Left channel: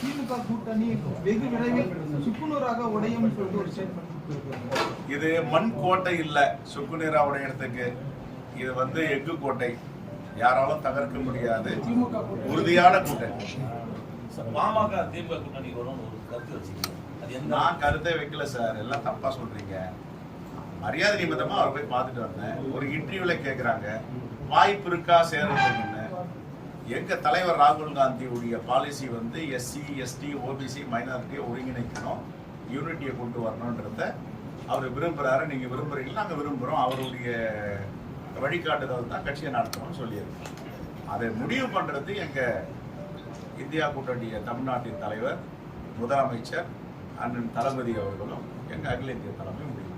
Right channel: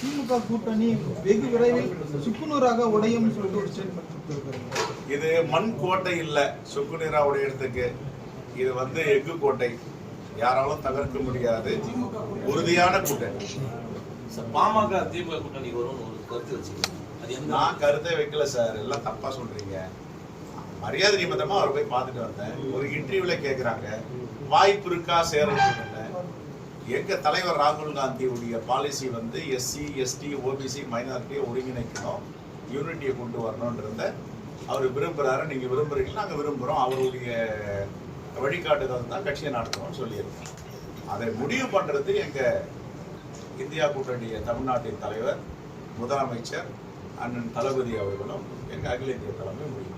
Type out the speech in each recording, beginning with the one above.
திமுக கூட்டணி வெகு விரைவில் சுக்குநூறாக உடையும் சொல்லிட்டு ஒரு ஸ்டேட்மெண்ட் இது மண் கோட்டை இல்ல சுக்குநீரா உடையறதுக்கு. இது வந்து எஃகு கோட்டை. யாராலும் தகர்க்க முடியாது. உறுதியான கூட்டணி. பாமக திமுக கூட்டணி வரும்னு ஒரு கருத்து வச்சுக்கோங்க. நான் கருத்தை வைக்கல சார். எல்லாம் தப்பா சொல்றீங்க. மரியாதை நிமித்தமா அவர் போய் பார்த்துட்டு வந்தேன். ஒரு இன்டர்வியூல கேக்குறாங்க. வாய்ப்பு இருக்கா சேர்றதுக்குன்னு எங்க தலைவர் ராகுல் காந்தியுடைய பாலிசி வந்து எஸ்சி எஸ்டி ஓபிசி மைனாரிட்டியை ஒருங்கிணைக்கணும் யூனிட்டியை கொண்டு வரணுன்றத அவர் விரும்புறாரு. நீங்க விரும்புறீங்க நாங்க விரும்புறோம். அவருடைய வழிகாட்டுதல் தான் கட்சியை நடத்தணும்னு சொல்லியிருக்கோம் அதை முடிவு பண்றது எங்க இந்தியா கூட்டணிய தமிழ்நாட்டின் தலைவர் முதலமைச்சர் அண்ணன் தளபதி அவர்களும் எங்க அகில இந்திய தலைமை முடியும்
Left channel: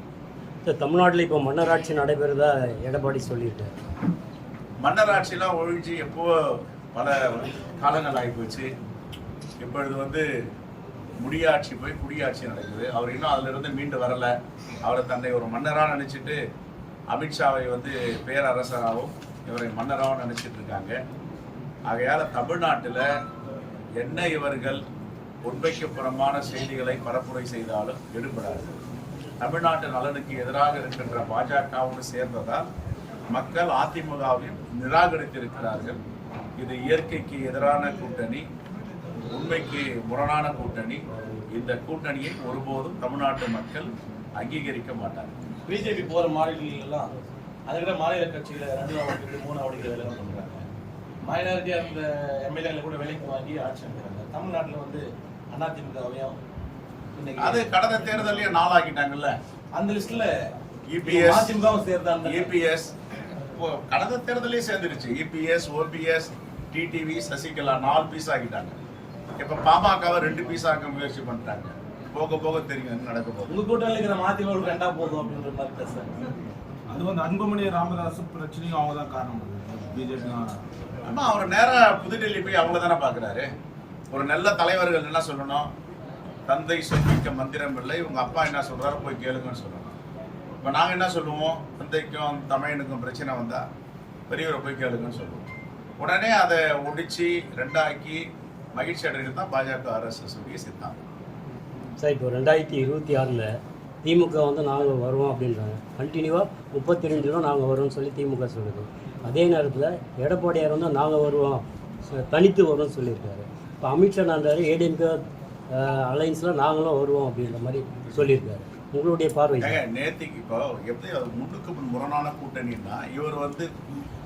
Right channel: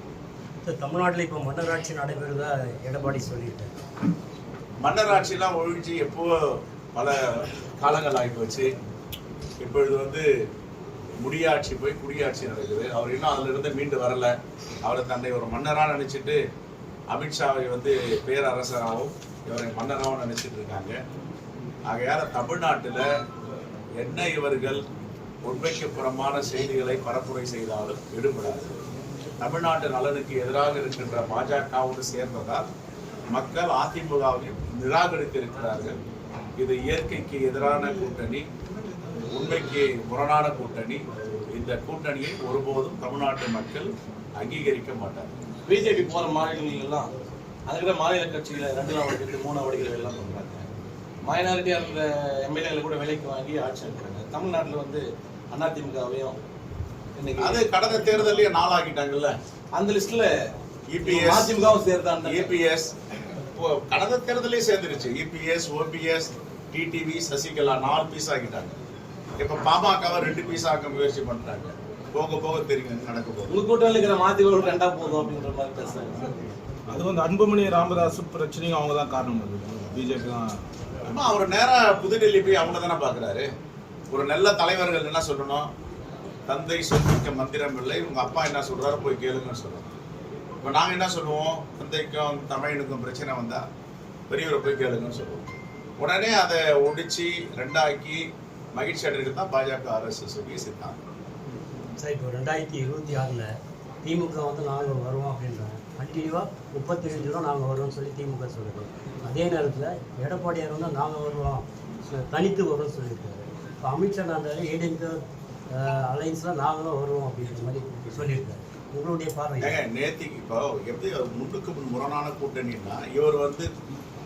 தமிழ்நாட்டில் இப்போ மன்னராட்சி நடைபெறுதா எடப்பாடி சொல்லியிருக்காரு. மன்னர் ஆட்சியெல்லாம் ஒழிச்சு எப்போ பல காலங்கள் ஆகி போச்சு இப்பொழுது வந்து முடியாட்சி போய் குடியாட்சி நடக்குது. அவர் இன்னும் அதிலிருந்து மீண்டு வரல. அவரை தன்னை ஒரு மன்னராக நினச்சிட்டு அமித்ஷாவை வந்து பேரரசராகவும் இவரை மன்னராகவும் நினச்சிட்டு இருக்காங்க ஆகையால் தமிழ்நாட்டில் என்ன இவர்கள் உண்மைக்கு புறமான செய்திகளை பரப்புரை செய்தாலும் எடுபடாது. தமிழ்நாட்டு நலனுக்கு எதிராக இருக்கின்ற பாஜகவோடு சேர்ந்ததால் மக்கள் அதிமுகவையும் நிராகரித்திருக்கிறார்கள். இது இயற்கைக்கு எதிரான கூட்டணி உண்மைக்கு முரணான கூட்டணி. இந்த கூட்டணியை ஒருபோதும் தமிழ்நாட்டு மக்கள் அங்கீகரிக்க மாட்டார்கள். பிஜேபி போற மாநிலங்கள் எல்லாம் அதை விட மாநில கட்சியில ரெண்டு நாள் விட்டு மூணு வடிகள் எல்லாம் பண்றாங்க. மைனாரிட்டியா இருந்த எம்எல்ஏல கூட விலைக்கு வாங்கி ஆட்சி அமைக்கிறாங்க. தமிழ்நாட்டுல வந்து அதிமுகவையும் அது கடந்த தேர்தலையும் நாளாக்கிட்டாங்கல்ல? அந்த லிஸ்ட்ல EPS அதிமுகவும் சேர்ந்தாங்க. இபிஎஸ் கடந்த தேர்தலே சேர்ந்துருச்சு. இபிஎஸ் ஓபிஎஸ் டிடிவி சசிகலா நாலு பீஸ் ஆக்கிட்டாங்க. இப்ப பாமகவை ரெண்டு பீஸ் ஆக்க முயற்சி பண்றாங்க. போக போக தெரியும் நடக்க போகுது. உங்க கூட்டணியில் இருக்கிற மாத்திகள் ரெண்டா போதும் அப்படின்ற மாதிரி பேசுறாங்க. அது வந்து அன்புமணி ராமதாஸ் பிரச்சனையும் அவங்க தான் காரணம். பிஜேபி தான். ஆமா அவர் நேரா புதுடெல்லி போய் அவங்கள தானே பாக்குறாரு. ஒரு நல்ல தலைவர்கள் என்ன சொல்லணும்? தந்தை சொல்லிக்க மந்திரம் இல்லை. உங்க அப்பா என்ன சொல்றாரு? போய் கேளுங்கன்னு சொல்லணும். இப்ப நாங்க என்ன சொல்லுவோம்? தந்தைக்கும் தமிழனுக்கும் பிரச்சனை வந்தா பெரியவரை போய் கேளுங்கன்னு சொல்லுவோம். உடனே அதை ஒடிச்சு ரெண்டாக்கி மகிழ்ச்சி அடைகிறது தான் பாஜக ஆர்எஸ்எஸ் உடைய சித்தாந்தம். சார் இப்போ ரெண்டாயிரத்தி இருபத்தி ஆறில் திமுக வந்து நாங்கள் வருவோம் அப்படின்றாங்க. கண்டினியூவாக முப்பத்தி ரெண்டு ரூபா நாங்கள் வருவோம்னு சொல்லி திமுக சொல்லுது. அதே நேரத்தில் எடப்பாடியார் வந்து நாங்கள் வருவோம் தனித்து வருவோம்னு சொல்லியிருக்காரு. இப்போ அமித்ஷா நாங்கள் ஏடிஎம்கே அலைன்ஸில் நாங்களும் வருவோம் அப்படின்ற மாதிரி சொல்லியிருக்காரு. உங்களுடைய பார்வை நேத்திக்கு இப்போ எப்படி முன்னுக்கு முன் முரணான கூட்டணின்னா இவர் வந்து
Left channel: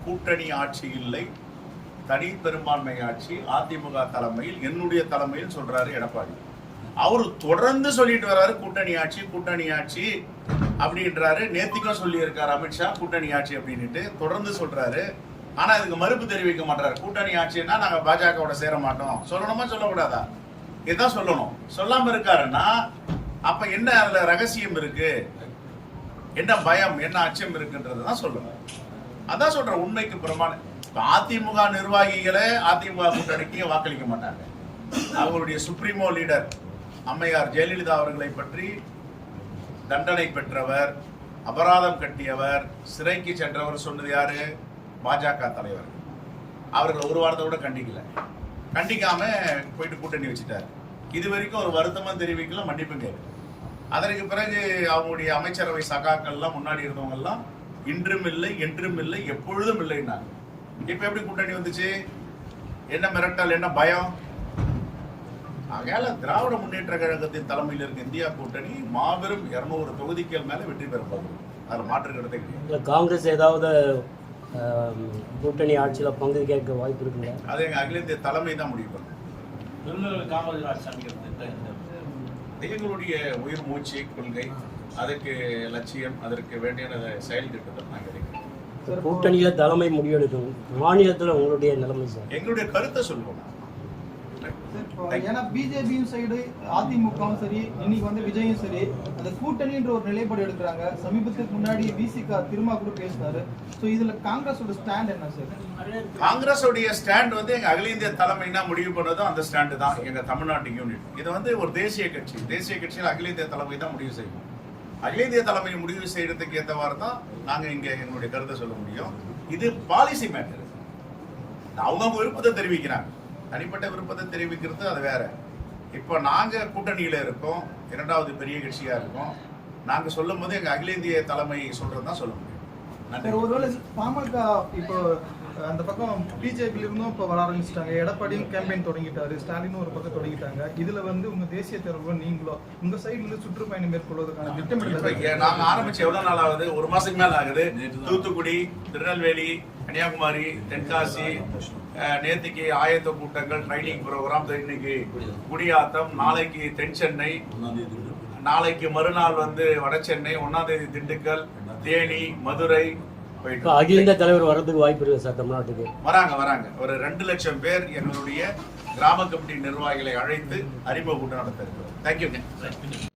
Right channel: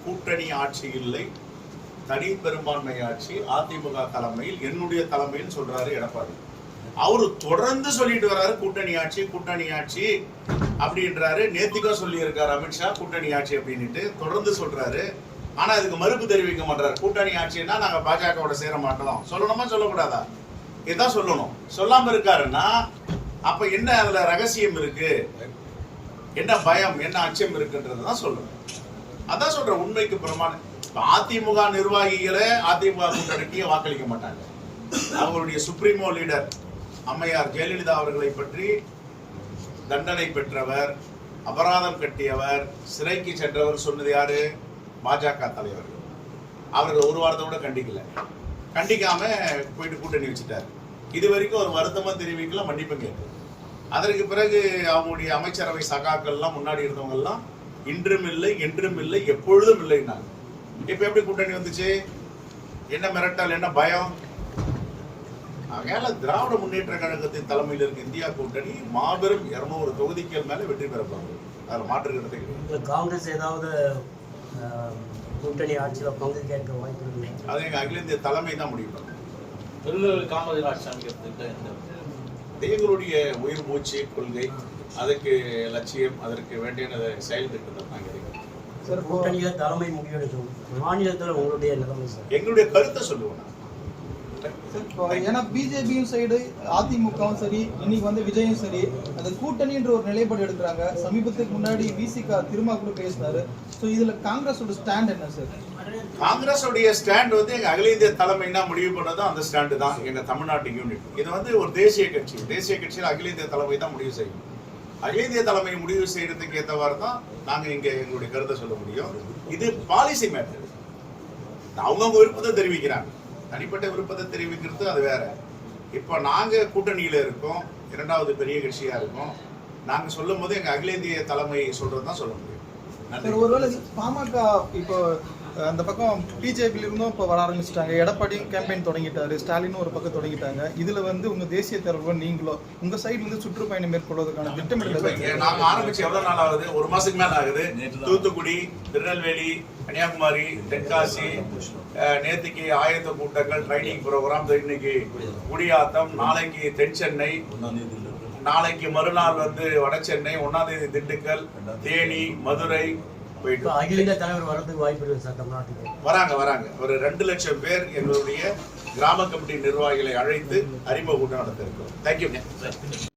கூட்டணி ஆட்சி இல்லை தனி பெரும்பான்மை ஆட்சி அதிமுக தலைமையில் என்னுடைய தலைமையில் சொல்றாரு எடப்பாடி. அவரு தொடர்ந்து சொல்லிட்டு வர்றாரு கூட்டணி ஆட்சி கூட்டணி ஆட்சி அப்படின்றாரு. நேத்திக்கும் சொல்லியிருக்காரு அமித்ஷா கூட்டணி ஆட்சி அப்படின்னுட்டு தொடர்ந்து சொல்றாரு. ஆனா இதுக்கு மறுப்பு தெரிவிக்க மாட்டாரு. கூட்டணி ஆட்சின்னா நாங்க பாஜகவோட சேர மாட்டோம். சொல்லணுமா சொல்லக்கூடாதா? இதுதான் சொல்லணும். சொல்லாம இருக்காருன்னா அப்ப என்ன அதுல ரகசியம் இருக்கு? என்ன பயம் என்ன அச்சம் இருக்குன்றதுதான் சொல்லணும். அதான் சொல்றேன் உண்மைக்கு பிரமாணம். அதிமுக நிர்வாகிகளே அதிமுக கூட்டணிக்கு வாக்களிக்க மாட்டாங்க. அவங்களுடைய சுப்ரீமோ லீடர் அம்மையார் ஜெயலலிதா அவர்களை பற்றி தண்டனை பெற்றவர் அபராதம் கட்டியவர் சிறைக்கு சென்றவர் சொன்னது யாரு? பாஜக தலைவர்கள். அவர்கள் ஒரு வாரத்தை கூட கண்டிக்கல. கண்டிக்காம போயிட்டு கூட்டணி வச்சுட்டாரு. இது வரைக்கும் ஒரு வருத்தமும் தெரிவிக்கல மன்னிப்பும் கேட்கல. அதற்கு பிறகு அவங்களுடைய அமைச்சரவை சகாக்கள்லாம் முன்னாடி இருந்தவங்க எல்லாம் இன்றும் இல்லை என்றும் இல்லை எப்பொழுதும் இல்லைன்னாங்க. இப்ப எப்படி கூட்டணி வந்துச்சு? என்ன மிரட்டல் என்ன பயம்? ஆகையால திராவிட முன்னேற்ற கழகத்தின் தலைமையில் இருக்க இந்தியா கூட்டணி மாபெரும் இருநூறு தொகுதிகள் மேல வெற்றி பெற போகுது. அதுல மாற்று கருத்தே கிடையாது. காங்கிரஸ் ஏதாவது கூட்டணி ஆட்சியில் பங்கு கேட்க வாய்ப்பு இருக்குங்களா அது எங்க அகில இந்திய தலைமை தான் முடிவு பண்ணும். விருதுநகர் காமராஜர் ஆட்சி அமைக்கிறதுக்கு எந்த- அது எங்களுடைய உயிர் மூச்சு கொள்கை. அதுக்கு லட்சியம் அதற்கு வேண்டிய செயல் திட்டத்தை நாங்கள் இருக்கிறோம் கூட்டணியில் தலைமை முடிவெடுக்கணும் மாநிலத்தில் உங்களுடைய நிலைமை சார்? எங்களுடைய கருத்தை சொல்லுவோம். ஏன்னா பிஜேபியும் சைடு அதிமுகவும் சரி இன்னைக்கு வந்து விஜயும் சரி அது கூட்டணின்ற ஒரு நிலைப்பாடு எடுக்கிறாங்க. சமீபத்துக்கு முன்னாடி விசிகா திருமா கூட பேசினாரு. ஸோ இதுல காங்கிரஸோட ஸ்டாண்ட் என்ன சார்? காங்கிரஸ் உடைய ஸ்டாண்ட் வந்து எங்க அகில இந்திய தலைமைனா முடிவு பண்ணதும் அந்த ஸ்டாண்டு தான். எங்க தமிழ்நாட்டு யூனிட் இது வந்து ஒரு தேசிய கட்சி. தேசிய கட்சியில் அகில இந்திய தலைமை தான் முடிவு செய்யும். அகில இந்திய தலைமை முடிவு செய்யறதுக்கு ஏற்றவாறு தான் நாங்கள் இங்கே எங்களுடைய கருத்தை சொல்ல முடியும். இது பாலிசி மேட்டர் அவங்கவுங்க விருப்பத்தை தெரிவிக்கிறாங்க. தனிப்பட்ட விருப்பத்தை தெரிவிக்கிறது அது வேற. இப்போ நாங்கள் கூட்டணியில் இருக்கோம். இரண்டாவது பெரிய கட்சியாக இருக்கோம். நாங்கள் சொல்லும் போது எங்கள் அகில இந்திய தலைமை சொல்றது தான் சொல்ல முடியும். நன்றி ஒருவேளை பாமக இப்போ அந்த பக்கம் பிஜேபியில இருந்தும் இப்போ வர ஆரம்பிச்சிட்டாங்க. எடப்பாடியும் கேம்பெயின் தொடங்கிட்டாரு. ஸ்டாலினும் ஒரு பக்கம் தொடங்கிட்டாங்க. இதுல வந்து உங்க தேசிய தலைவர் நீங்களோ உங்க சைடு வந்து சுற்றுப்பயணம் மேற்கொள்வதற்கான திட்டமிடல் இங்க நாங்க ஆரம்பிச்சு எவ்வளவு நாள் ஆகுது? ஒரு மாசத்துக்கு மேல ஆகுது. தூத்துக்குடி திருநெல்வேலி கன்னியாகுமரி தென்காசி அஹ், நேத்திக்கு ஆயத்த கூட்டங்கள் ட்ரைனிங் ப்ரோக்ராம் இன்னைக்கு குடியாத்தம் நாளைக்கு தென் சென்னை நாளைக்கு மறுநாள் வந்து வட சென்னை ஒன்னாம் தேதி திண்டுக்கல் தேனி மதுரை போயிட்டு அகில தலைவர் வர்றதுக்கு வாய்ப்பு இருக்குது சார் தமிழ்நாட்டுக்கு. வராங்க வராங்க. ஒரு ரெண்டு லட்சம் பேர் எங்களுடைய கிராம கமிட்டி நிர்வாகிகளை அழைத்து அறிமுக கூட்டம் நடத்திருக்கிறோம். தேங்க்யூங்க